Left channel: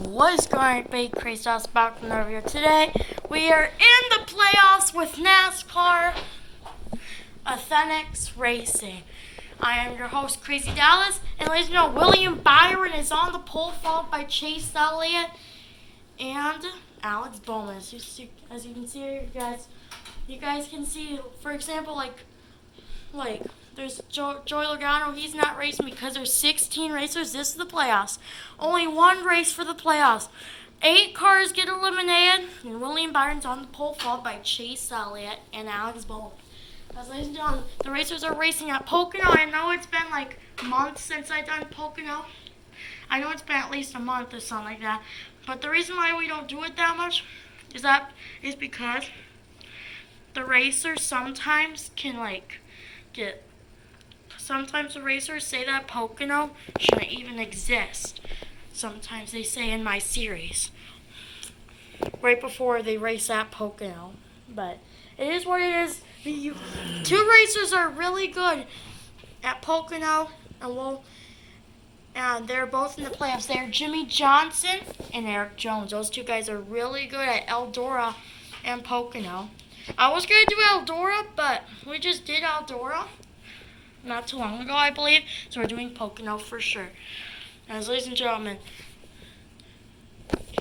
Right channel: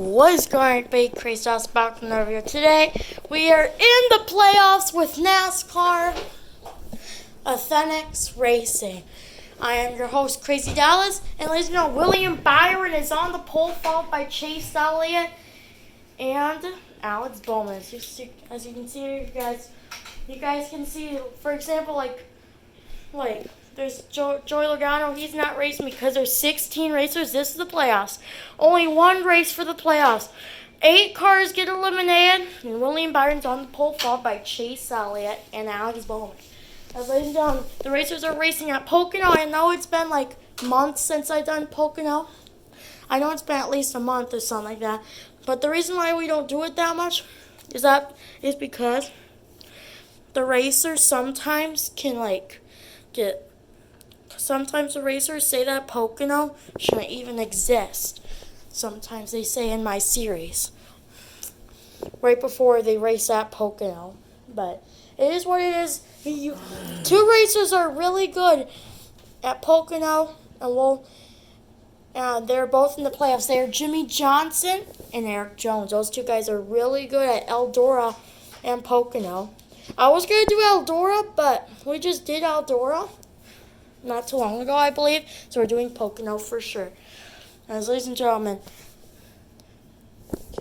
What is going on, big crazy house back from over here? Today we are in the playoffs with NASCAR Athletics Racing. I am your host, Crazy Dallas, and ladies and gentlemen, William Byron is on the pole, followed by Chase Elliott and Alex Bowman. As you can see here, you guys can see, for example, like there's Joey Logano. He's not racing because there's 16 racers. This is the playoffs. Only one race for the playoffs. 8 cars get eliminated, and William Byron's on the pole, followed by Chase Elliott and Alex Bowman. As ladies and gentlemen, the racers are racing at Pocono. I know it's been like months since I've done Pocono. I know it's been at least a month or something like that. But the reason why we don't do it that much is because the racers sometimes can sometimes the racers say that Pocono shouldn't even exist. Sometimes they say in my series, right before they race at Pocono. But it is what it is. Two racers are really good at Pocono, and they're both in the playoffs. They are Jimmy Johnson and Eric Jones. Those two guys are really good at Eldora and Pocono. I was going to do Eldora, but we just did Eldora not too long ago, I believe. So we're doing Pocono for sure. As ladies and gentlemen,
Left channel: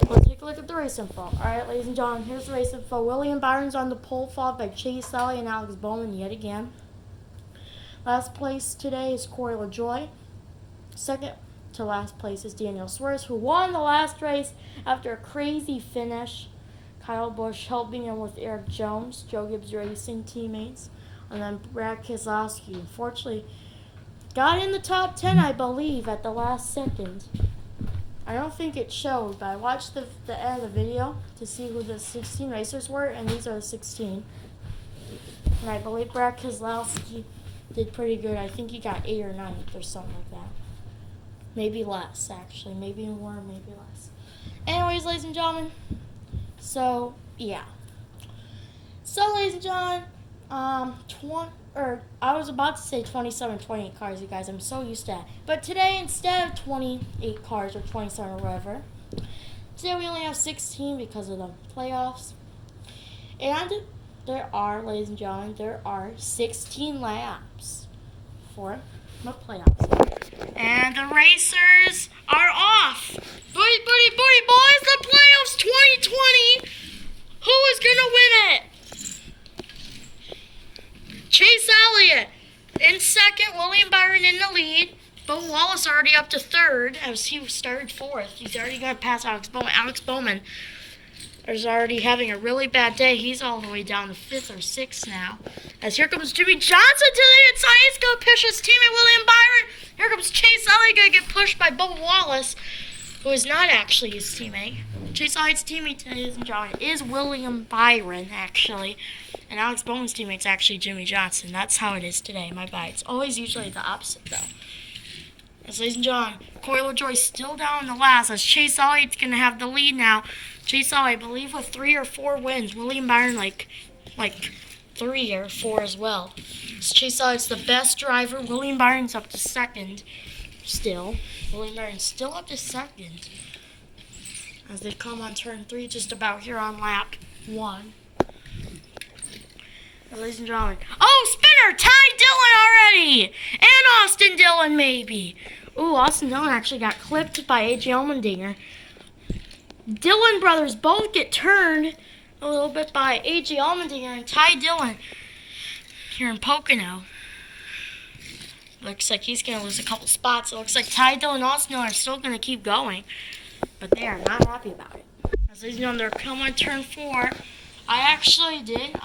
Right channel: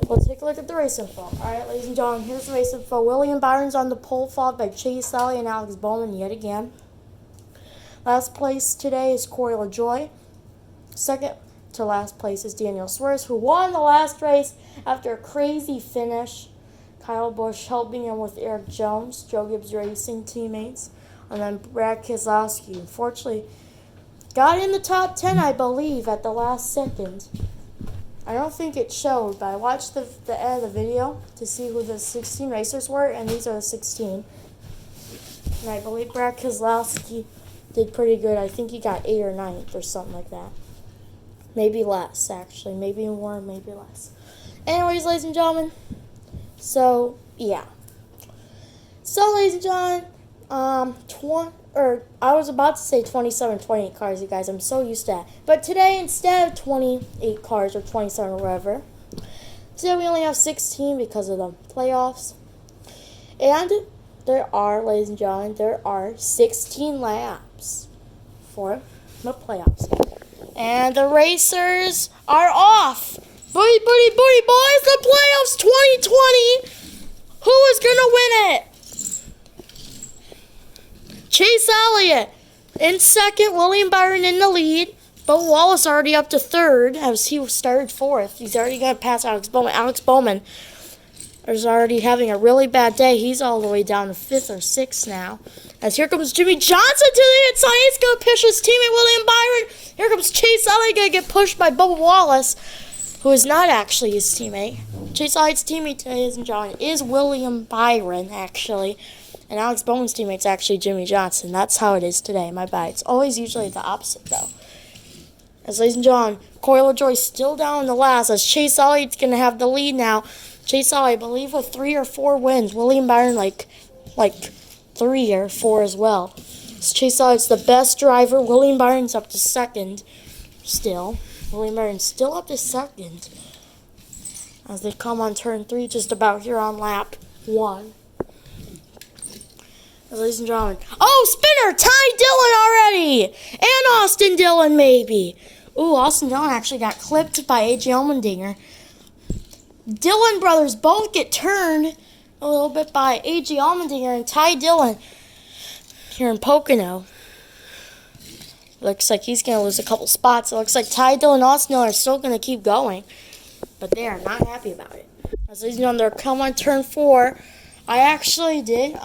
we'll take a look at the race info. All right, ladies and gentlemen, here's the race info. William Byron's on the pole, followed by Chase Elliott and Alex Bowman yet again. Last place today is Corey LaJoie. Second to last place is Daniel Suarez, who won the last race after a crazy finish. Kyle Busch helping him with Eric Jones, Joe Gibbs Racing teammates. And then Brad Keselowski, unfortunately, got in the top 10, I believe, at the last second. I don't think it showed, but I watched the end of the video to see who the 16 racers were, and these are the 16. And I believe Brad Keselowski did pretty good. I think he got 8th or 9th or something like that. Maybe less, actually. Maybe more, maybe less. Anyways, ladies and gentlemen, so, yeah. So, ladies and gentlemen, I was about to say 27, 28 cars, you guys. I'm so used to that. But today, instead of 28 cars or 27 or whatever, today we only have 16 because of the playoffs. And there are, ladies and gentlemen, 16 laps for the playoffs. And the racers are off. Booty, booty, booty, boys, the playoffs 2020. Who is going to win it? Chase Elliott in second, William Byron in the lead. Bo Wallace already up to third as he started fourth. He's already going to pass Alex Bowman. Alex Bowman is already having a really bad day. He's all the way down to 5th or 6th now. As here comes Jimmy Johnson to the inside. He's going to push his teammate William Byron. Here comes Chase Elliott, going to get pushed by Bo Wallace, who is not actually his teammate. Chase Elliott's teammate, ladies and gentlemen, is William Byron, actually. And Alex Bowman's teammate's actually Jimmy Johnson. That's how it is today. My bad. It's always usually the opposite, though. As ladies and gentlemen, Corey LaJoie's still down in the last. As Chase Elliott's going to have the lead now. Chase Elliott, I believe, with 3 or 4 wins. William Byron, like 3 or 4 as well. As Chase Elliott's the best driver. William Byron's up to second still. William Byron's still up to second. As they come on turn 3, just about here on lap 1. Ladies and gentlemen. Oh, spinner! Ty Dillon already! And Austin Dillon, maybe. Ooh, Austin Dillon actually got clipped by A.J. Allmendinger. Dillon brothers both get turned a little bit by A.J. Allmendinger and Ty Dillon here in Pocono. Looks like he's going to lose a couple spots. It looks like Ty Dillon and Austin Dillon are still going to keep going. But they are not happy about it. As ladies and gentlemen, they're coming on turn 4. I actually did,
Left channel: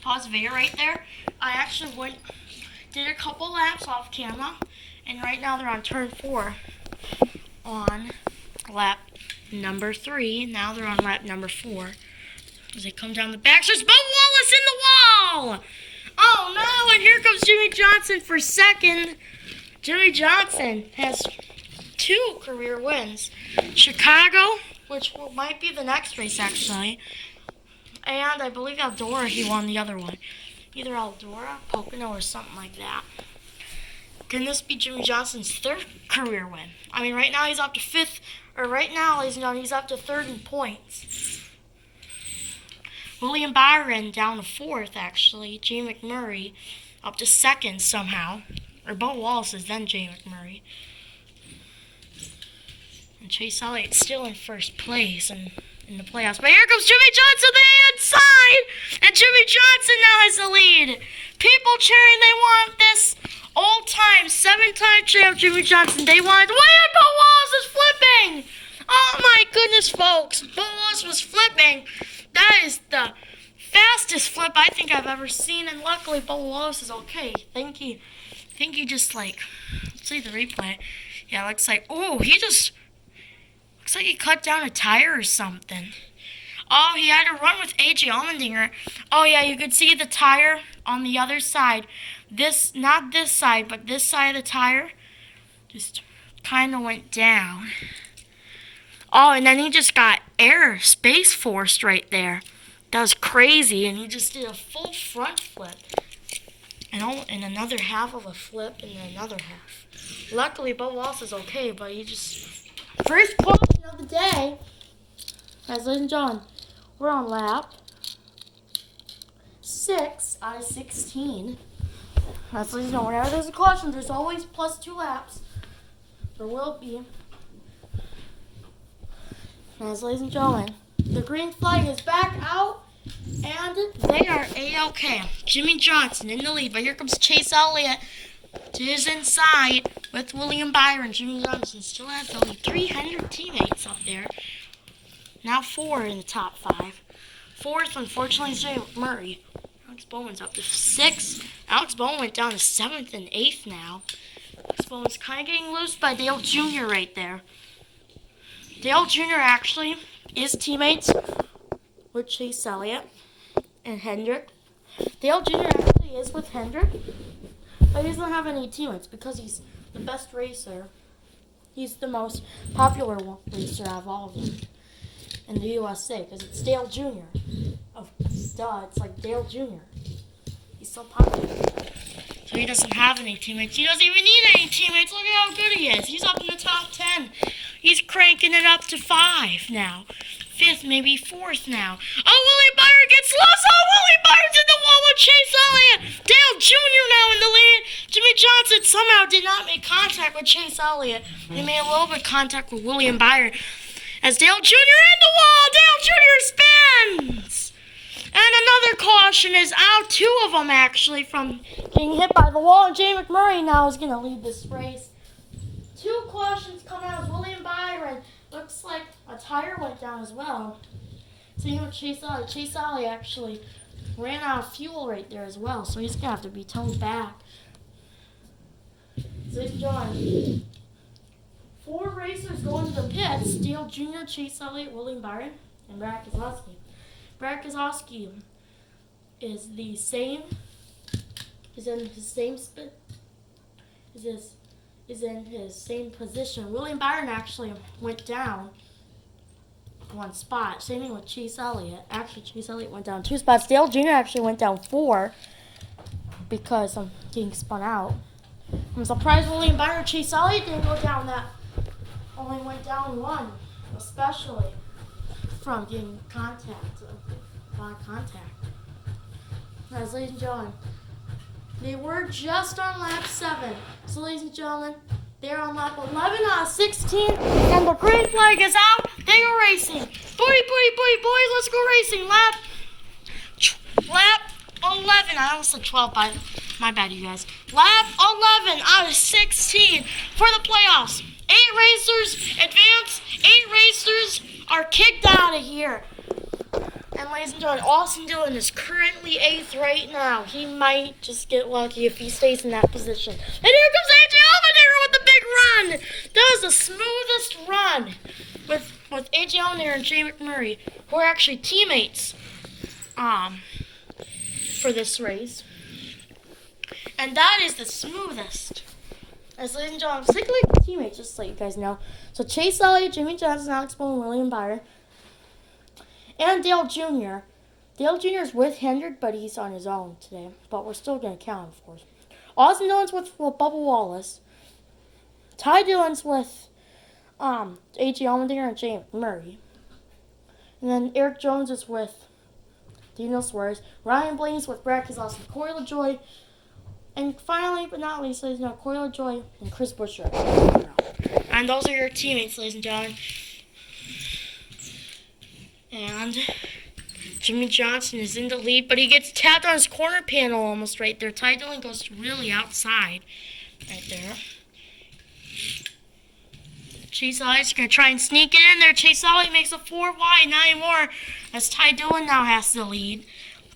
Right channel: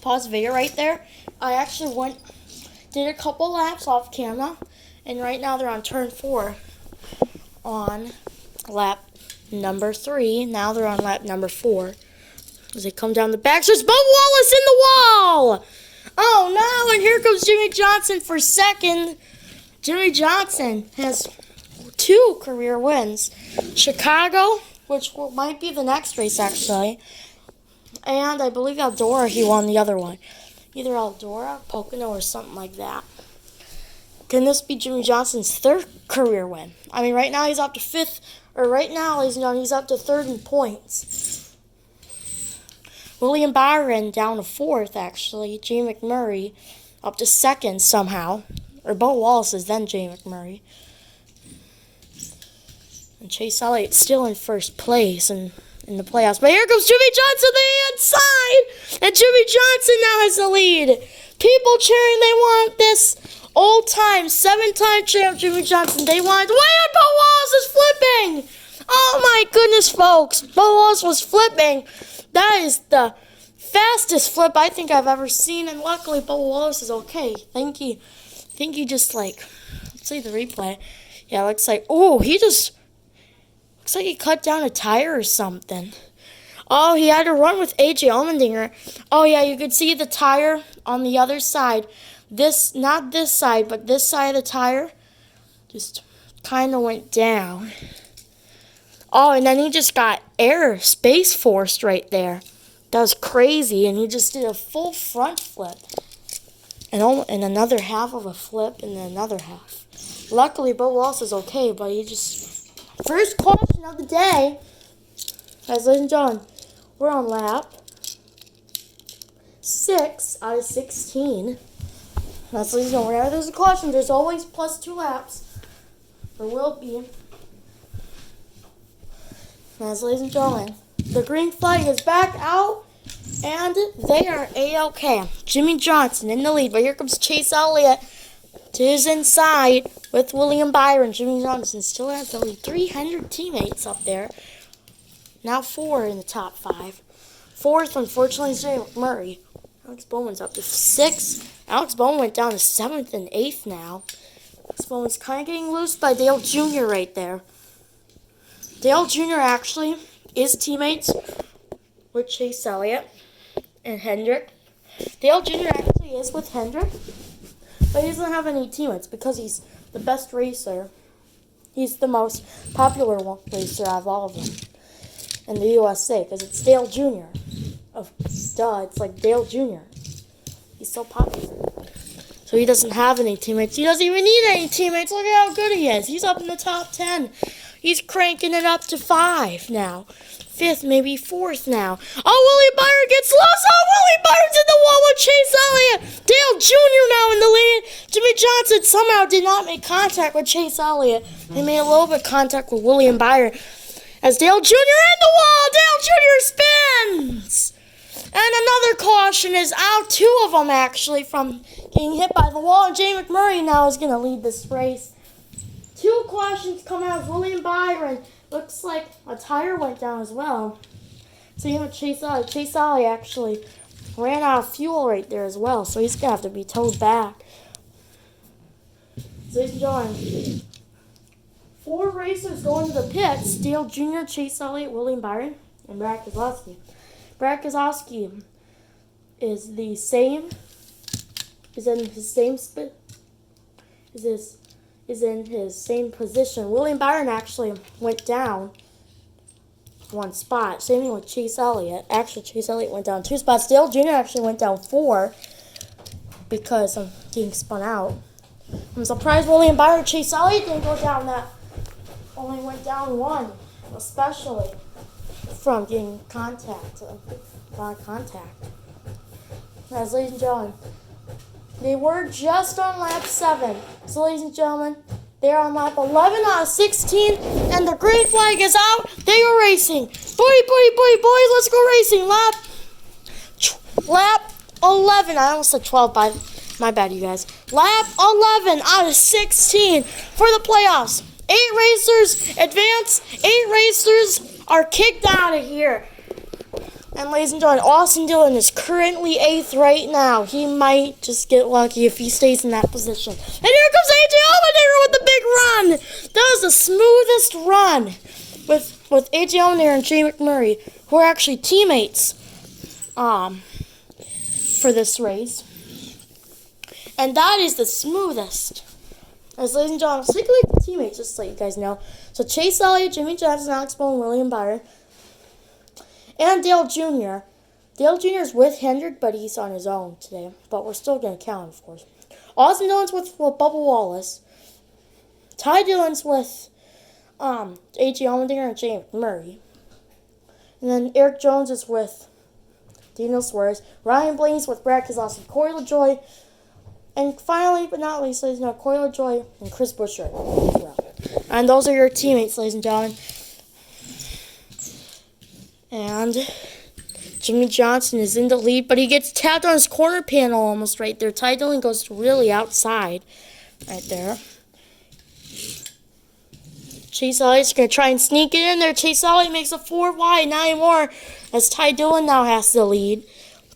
pause the video right there. I actually did a couple laps off camera, and right now they're on turn 4 on lap number 3. Now they're on lap number 4 as they come down the back. There's Bo Wallace in the wall. Oh no! And here comes Jimmy Johnson for second. Jimmy Johnson has 2 career wins. Chicago, which might be the next race actually. And I believe Eldora, he won the other one. Either Eldora, Pocono, or something like that. Can this be Jimmy Johnson's third career win? I mean, right now he's up to fifth, or right now, ladies and gentlemen, he's up to third in points. William Byron down to fourth, actually. Jay McMurray up to second somehow. Or Bo Wallace is then Jay McMurray. And Chase Elliott still in first place in the playoffs. But here comes Jimmy Johnson on the inside! And Jimmy Johnson now has the lead. People cheering, they want this old-time, 7-time champ Jimmy Johnson. They want, wait, Bo Wallace is flipping! Oh my goodness, folks. Bo Wallace was flipping. That is the fastest flip I think I've ever seen. And luckily, Bo Wallace is okay. I think he just let's see the replay. Yeah, it looks like, looks like he cut down a tire or something. Oh, he had to run with A.J. Allmendinger. Oh, yeah, you could see the tire on the other side. Not this side, but this side of the tire just kind of went down. Oh, and then he just got space forced right there. That was crazy, and he just did a full front flip. And another half of a flip, and then another half. Luckily, Bo Wallace is okay, but he just... First question of the day. Guys, ladies and gentlemen, we're on lap 6 out of 16. That's, ladies and gentlemen, whenever there's a caution, there's always plus 2 laps. There will be. As, ladies and gentlemen, the green flag is back out, and they are A-OK. Jimmy Johnson in the lead, but here comes Chase Elliott to his inside with William Byron. Jimmy Johnson still has only 300 teammates up there. Now 4 in the top 5. Fourth, unfortunately, is Jay McMurray. Alex Bowman's up to 6. Alex Bowman went down to 7th and 8th now. Alex Bowman's kind of getting loose by Dale Jr. right there. Dale Jr. actually is teammates with Chase Elliott and Hendrick. Dale Jr. actually is with Hendrick, but he doesn't have any teammates because he's the best racer. He's the most popular racer out of all of them in the USA because it's Dale Jr. It's like Dale Jr. He's so popular. So he doesn't have any teammates. He doesn't even need any teammates. Look at how good he is. He's up in the top 10. He's cranking it up to 5 now. 5th, maybe 4th now. Oh, Willie Byron gets lost. Oh, Willie Byron's in the wall with Chase Elliott. Dale Jr. now in the lead. Jimmy Johnson somehow did not make contact with Chase Elliott. He made a little bit of contact with William Byron. As Dale Jr. in the wall. Dale Jr. spins. And another caution is out. 2 of them, actually, from getting hit by the wall. And Jay McMurray now is going to lead this race. 2 cautions coming out of William Byron. Looks like a tire went down as well. So, Chase Elliott. Chase Elliott actually ran out of fuel right there as well. So, he's going to have to be towed back. So, ladies and gentlemen, 4 racers going to the pits. Dale Jr., Chase Elliott, William Byron, and Brad Keselowski. Brad Keselowski is in his same position. William Byron actually went down 1 spot. Same thing with Chase Elliott. Actually, Chase Elliott went down 2 spots. Dale Jr. actually went down 4 because I'm getting spun out. I'm surprised William Byron, Chase Elliott didn't go down that. Only went down 1, especially from getting contact. As ladies and gentlemen, they were just on lap 7. So ladies and gentlemen, they're on lap 11 out of 16, and the green flag is out. They are racing. Boys, let's go racing. Lap 11. I almost said 12, my bad, you guys. Lap 11 out of 16 for the playoffs. 8 racers advance. 8 racers are kicked out of here. And ladies and gentlemen, Austin Dillon is currently 8th right now. He might just get lucky if he stays in that position. And here comes A.J. Allmendinger with the big run. That was the smoothest run with A.J. Allmendinger and Jay McMurray, who are actually teammates for this race. And that is the smoothest. As ladies and gentlemen, let's take a look at the teammates, just so you guys know. So Chase Elliott, Jimmy Johnson, Alex Bowman, William Byron, and Dale Jr. Dale Jr. is with Hendrick, but he's on his own today. But we're still going to count him, of course. Austin Dillon's with Bubba Wallace. Ty Dillon's with A.J. Allmendinger and Jay McMurray. And then Eric Jones is with Daniel Suarez. Ryan Blaney's with Brad Keselowski, Corey LaJoy. And finally, but not least, ladies and gentlemen, Corey LaJoy and Chris Buescher. And those are your teammates, ladies and gentlemen. And Jimmy Johnson is in the lead, but he gets tapped on his corner panel almost right there. Ty Dillon goes really outside right there. Chase Elliott's going to try and sneak it in there. Chase Elliott makes a 4 wide, not anymore, as Ty Dillon now has the lead.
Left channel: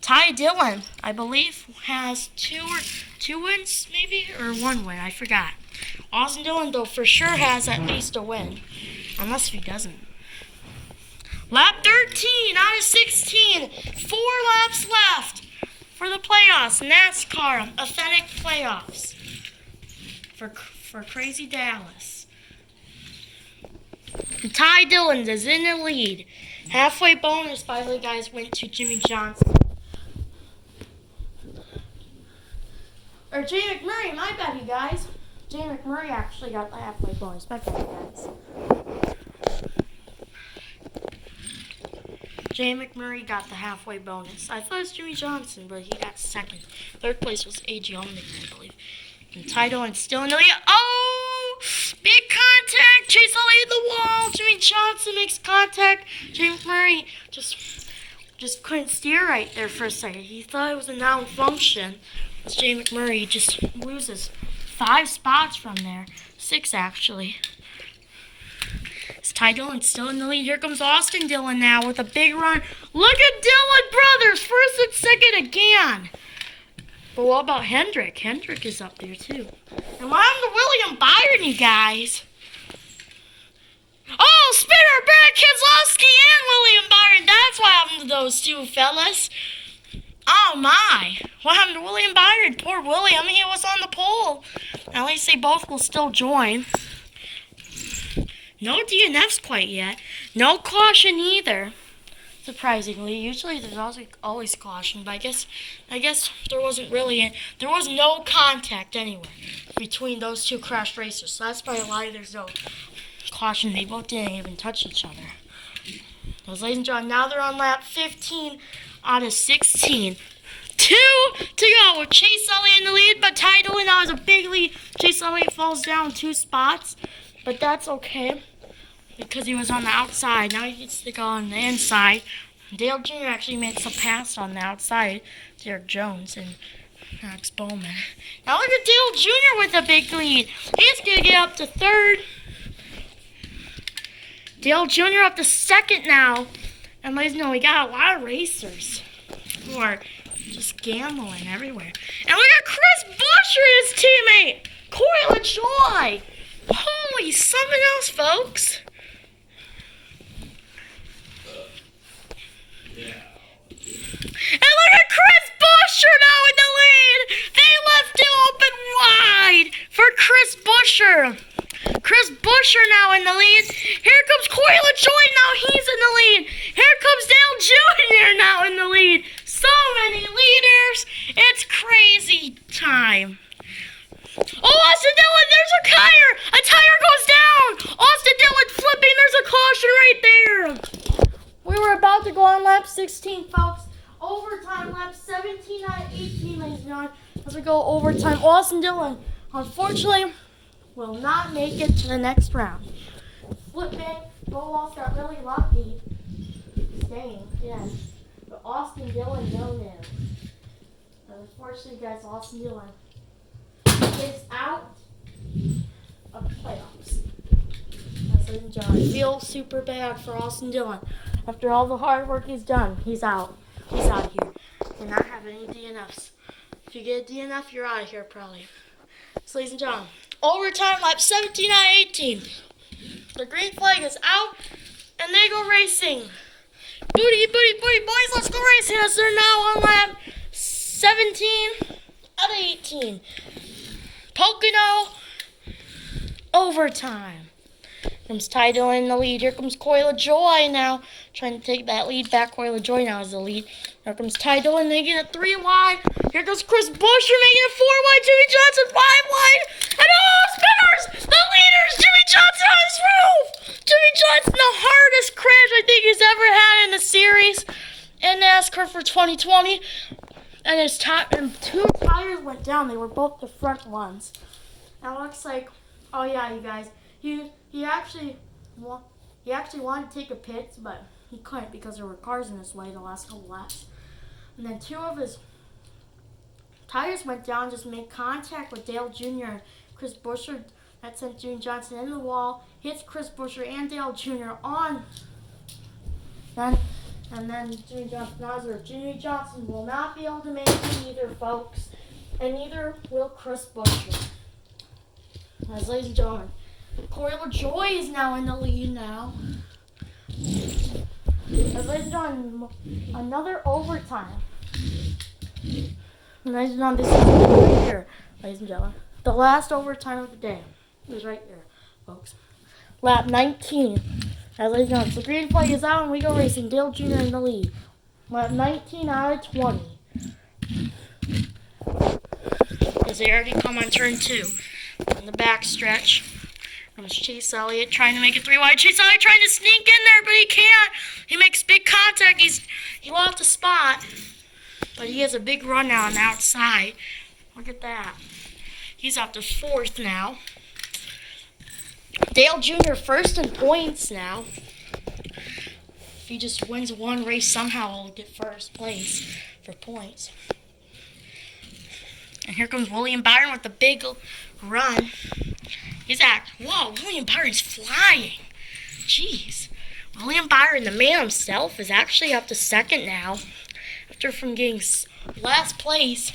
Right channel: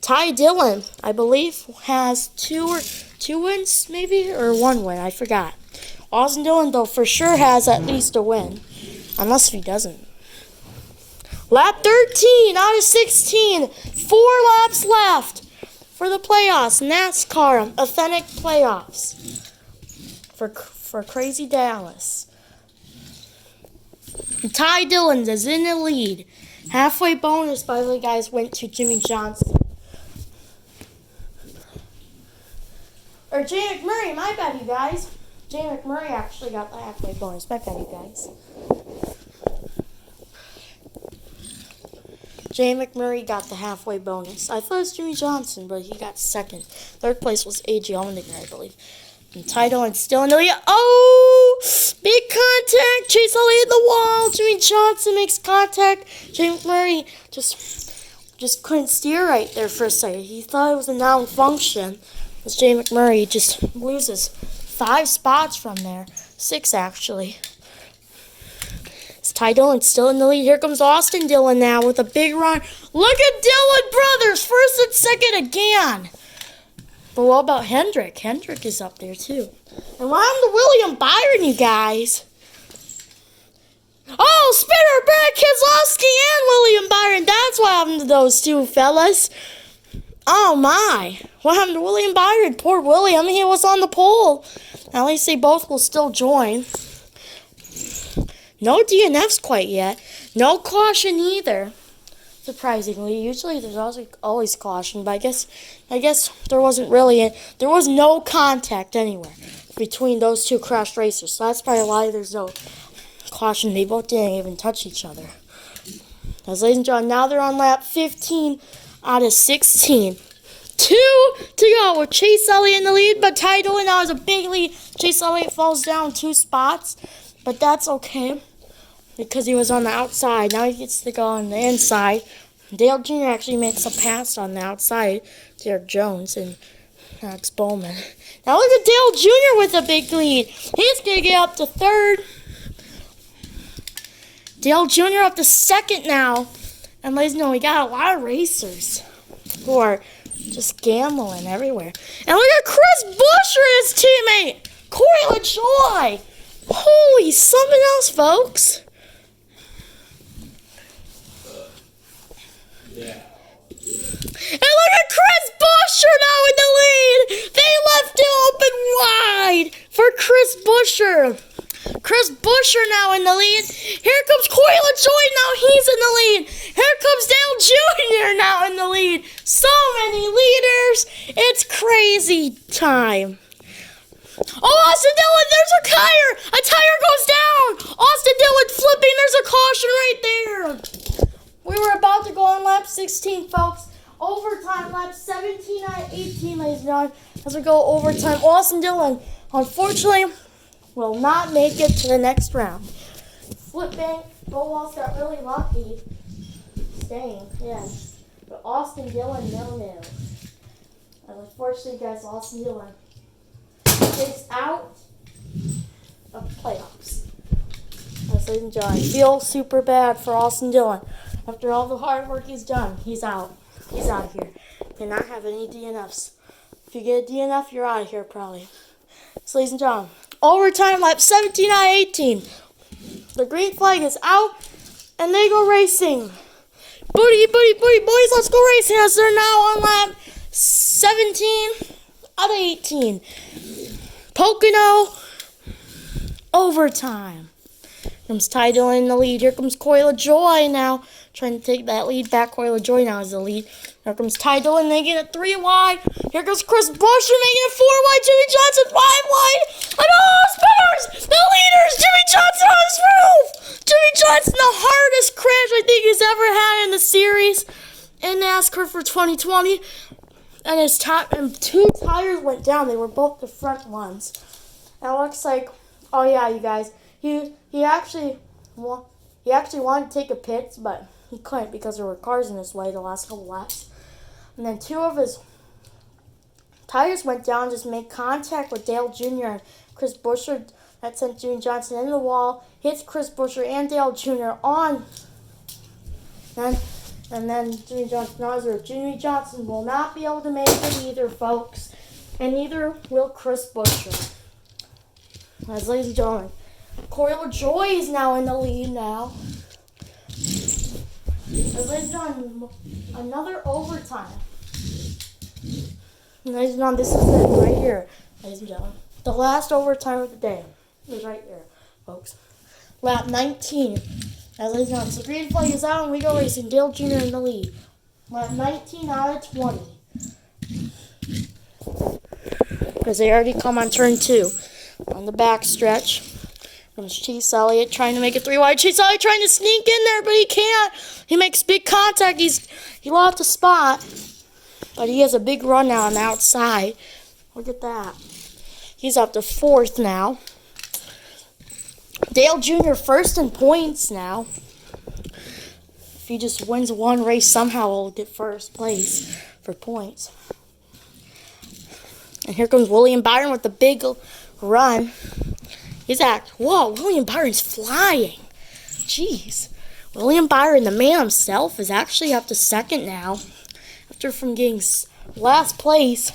Ty Dillon, I believe, has two wins, maybe, or 1 win. I forgot. Austin Dillon, though, for sure has at least a win, unless he doesn't. Lap 13 out of 16. 4 laps left for the playoffs. NASCAR Authentic Playoffs for Crazy Dallas. And Ty Dillon is in the lead. Halfway bonus, by the way, guys, went to Jimmy Johnson. Or Jay McMurray, my bad, you guys. Jay McMurray actually got the halfway bonus. My bad, you guys. Jay McMurray got the halfway bonus. I thought it was Jimmy Johnson, but he got second. Third place was A.J. Allmendinger, I believe. And Ty Dillon still in the lead. Oh! Big contact! Chase Elliott in the wall! Jimmy Johnson makes contact. Jay McMurray just couldn't steer right there for a second. He thought it was a noun function. As Jay McMurray just loses 5 spots from there. 6, actually. Ty Dillon still in the lead. Here comes Austin Dillon now with a big run. Look at Dillon brothers, first and second again. But what about Hendrick? Hendrick is up there too. And what happened to William Byron, you guys? Oh, spinner, Brad Keselowski and William Byron. That's what happened to those two fellas. Oh my. What happened to William Byron? Poor William, he was on the pole. At least they both will still join. No DNFs quite yet. No caution either. Surprisingly, usually there's always caution, but I guess there wasn't really there was no contact anyway between those two crash racers. So that's probably why there's no caution. They both didn't even touch each other. As ladies and gentlemen, now they're on lap 15 out of 16. 2 to go with Chase Elliott in the lead, but Ty Dillon now has a big lead. Chase Elliott falls down 2 spots. But that's okay, because he was on the outside. Now he gets to go on the inside. Dale Jr. actually makes a pass on the outside to Eric Jones and Alex Bowman. Now look at Dale Jr. with a big lead. He's going to get up to 3rd. Dale Jr. up to 2nd now. And ladies and gentlemen, we got a lot of racers who are just gambling everywhere. And look at Chris Buescher and his teammate, Corey LaJoy. Holy something else, folks. Yeah. And look at Chris Buescher now in the lead. They left it open wide for Chris Buescher. Chris Buescher now in the lead. Here comes Corey LaJoy now. He's in the lead. Here comes Dale Jr. now in the lead. So many leaders. It's crazy time. Oh, Austin Dillon, there's a tire. A tire goes down. Austin Dillon flipping. There's a caution right there. We were about to go on lap 16, folks. Overtime, lap 17 out of 18, ladies and gentlemen. As we go overtime, Austin Dillon, unfortunately, will not make it to the next round. Flipping. Bowles got really lucky. Staying, yeah. But Austin Dillon, no. And unfortunately, guys, Austin Dillon is out of playoffs. Ladies and gentlemen, I feel super bad for Austin Dillon. After all the hard work he's done, he's out. He's out of here. You're not having any DNFs. If you get a DNF, you're out of here probably. So, ladies and gentlemen, overtime lap 17 out of 18. The green flag is out, and they go racing. Booty, boys, let's go racing as they're now on lap 17 out of 18. Pocono overtime. Comes Ty Dillon in the lead. Here comes Coil of Joy now. Trying to take that lead back. Coil of Joy now is the lead. Here comes Ty Dillon making it 3 wide. Here goes Chris Buescher making it 4 wide. Jimmy Johnson 5 wide. And spinners! The leaders! Jimmy Johnson on his roof! Jimmy Johnson, the hardest crash I think he's ever had in the series in NASCAR for 2020. And his and 2 tires went down. They were both the front ones. And it looks like, oh yeah, you guys, he actually wanted to take a pit, but he couldn't because there were cars in his way the last couple laps. And then 2 of his tires went down, just made contact with Dale Jr. and Chris Buescher. That sent Jimmy Johnson in the wall, hits Chris Buescher and Dale Jr. on. And then Jimmy Johnson will not be able to make it either, folks. And neither will Chris Buescher. As ladies and gentlemen, Coil of Joy is now in the lead now. As ladies and gentlemen, another overtime. And ladies and gentlemen, this is going to be right here, ladies and gentlemen. The last overtime of the day is right here, folks. Lap 19. As ladies and gentlemen, so green flag is out and we go racing. Dale Jr. in the lead. Lap 19 out of 20. Because they already come on turn 2. On the back stretch. Comes Chase Elliott trying to make it 3 wide. Chase Elliott trying to sneak in there, but he can't. He makes big contact. He lost the spot. But he has a big run now on the outside. Look at that. He's up to 4th now. Dale Jr. first in points now. If he just wins one race, somehow he'll get first place for points. And here comes William Byron with the big run. Whoa, William Byron's flying. Jeez. William Byron, the man himself, is actually up to 2nd now. After from getting last place,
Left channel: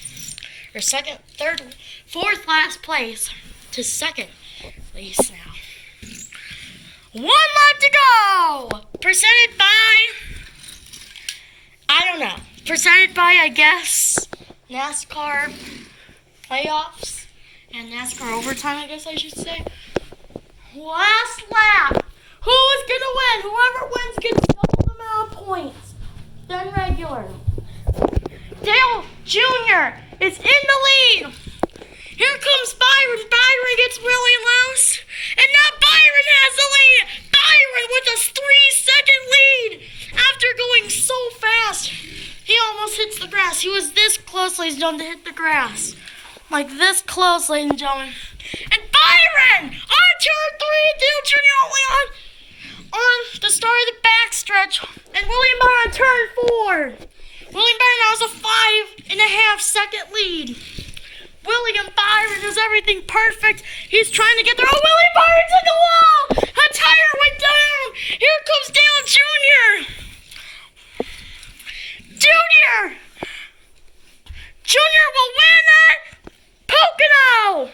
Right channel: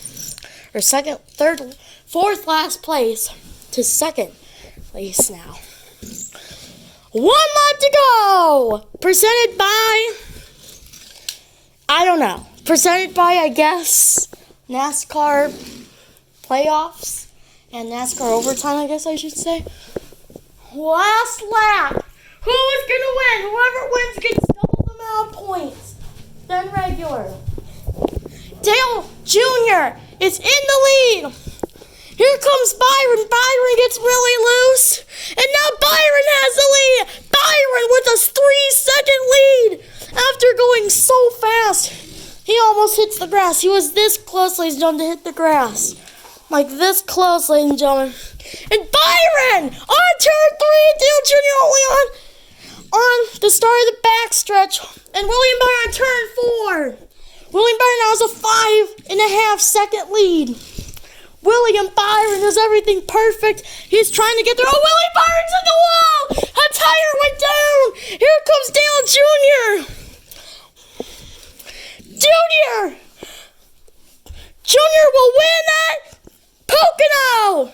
or 2nd, 3rd, 4th last place to 2nd place now. 1 lap to go! Presented by, I don't know. Presented by, I guess, NASCAR playoffs and NASCAR overtime, I guess I should say. Last lap. Who is going to win? Whoever wins gets double the amount of points than regular. Dale Jr. is in the lead. Here comes Byron. Byron gets really loose. And now Byron has the lead. Byron with a 3-second lead. After going so fast, he almost hits the grass. He was this close, ladies and gentlemen, to hit the grass. Like this close, ladies and gentlemen. And Byron on turn 3. Dale Jr. only on the start of the backstretch. And William Byron on turn 4. William Byron now has a 5.5 second lead. William Byron does everything perfect. He's trying to get there. Oh, William Byron's in the wall! A tire went down! Here comes Dale Jr. Junior will win at Pocono!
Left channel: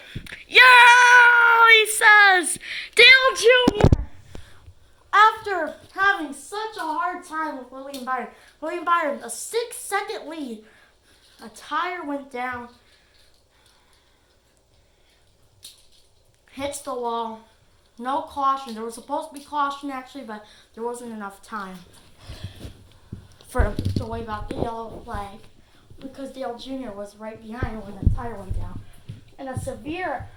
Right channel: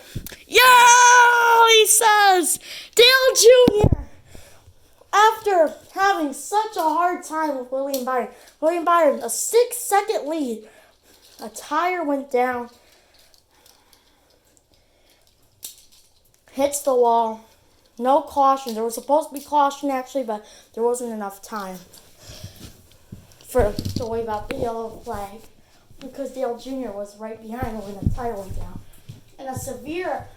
Yeah, he says. Dale Jr. After having such a hard time with William Byron, a 6-second lead. A tire went down. Hits the wall. No caution. There was supposed to be caution actually, but there wasn't enough time to wave out the yellow flag because Dale Jr. was right behind when the tire went down. And a severe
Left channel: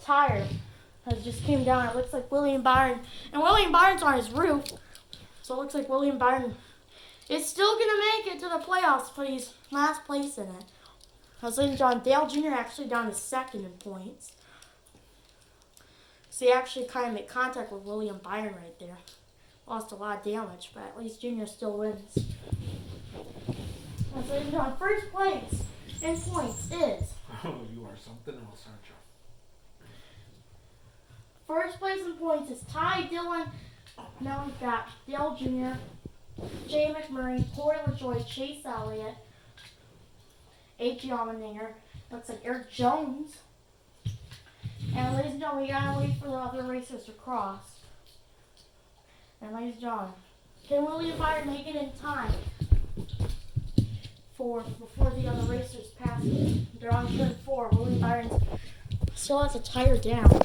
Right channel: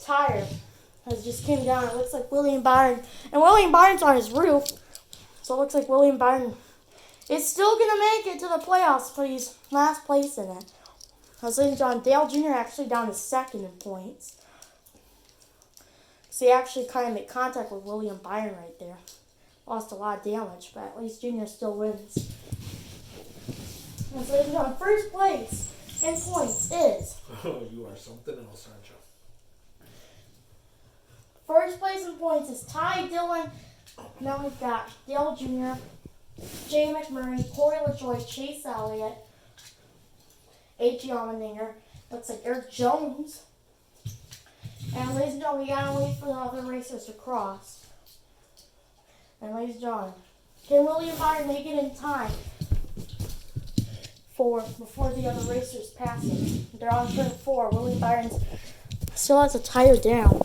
tire has just came down. It looks like William Byron, and William Byron's on his roof, so it looks like William Byron is still going to make it to the playoffs, but he's last place in it. I was looking John Dale Jr. actually down to 2nd in points. So he actually kind of made contact with William Byron right there. Lost a lot of damage, but at least Junior still wins. And so John, first place in points is... Oh, you are something else, aren't you? First place in points is Ty Dillon. Now we've got Dale Jr., Jay McMurray, Coil of Joy, Chase Elliott, A.G. Allmendinger. Looks like Eric Jones. And ladies and gentlemen, we gotta wait for the other racers to cross. And ladies and gentlemen, can William Byron make it in time before the other racers pass it? They're on turn 4. William Byron still has a tire down.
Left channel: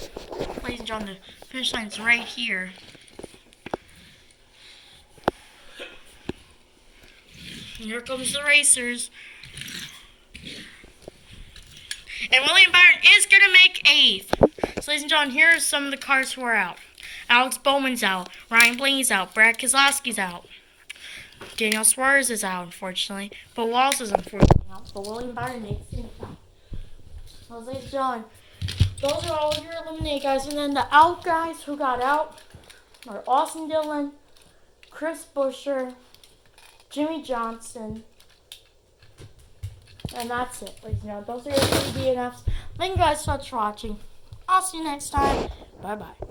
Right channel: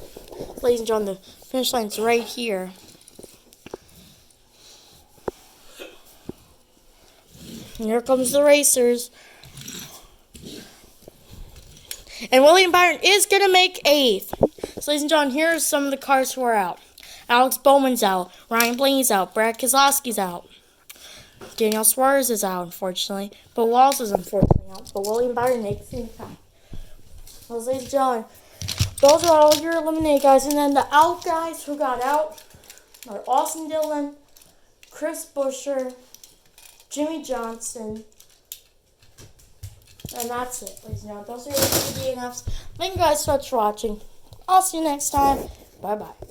ladies and gentlemen, the finish line's right here. Here comes the racers. And William Byron is going to make 8th. So, ladies and gentlemen, here are some of the cars who are out. Alex Bowman's out. Ryan Blaney's out. Brad Keselowski's out. Daniel Suarez is out, unfortunately. But Wallace is unfortunately out. But William Byron makes the top. So, ladies and gentlemen, those are all of your eliminated guys. And then the out guys who got out are Austin Dillon, Chris Buescher, Jimmy Johnson. And that's it, ladies and gentlemen. Those are your three DNFs. Thank you guys so much for watching. I'll see you next time. Bye-bye.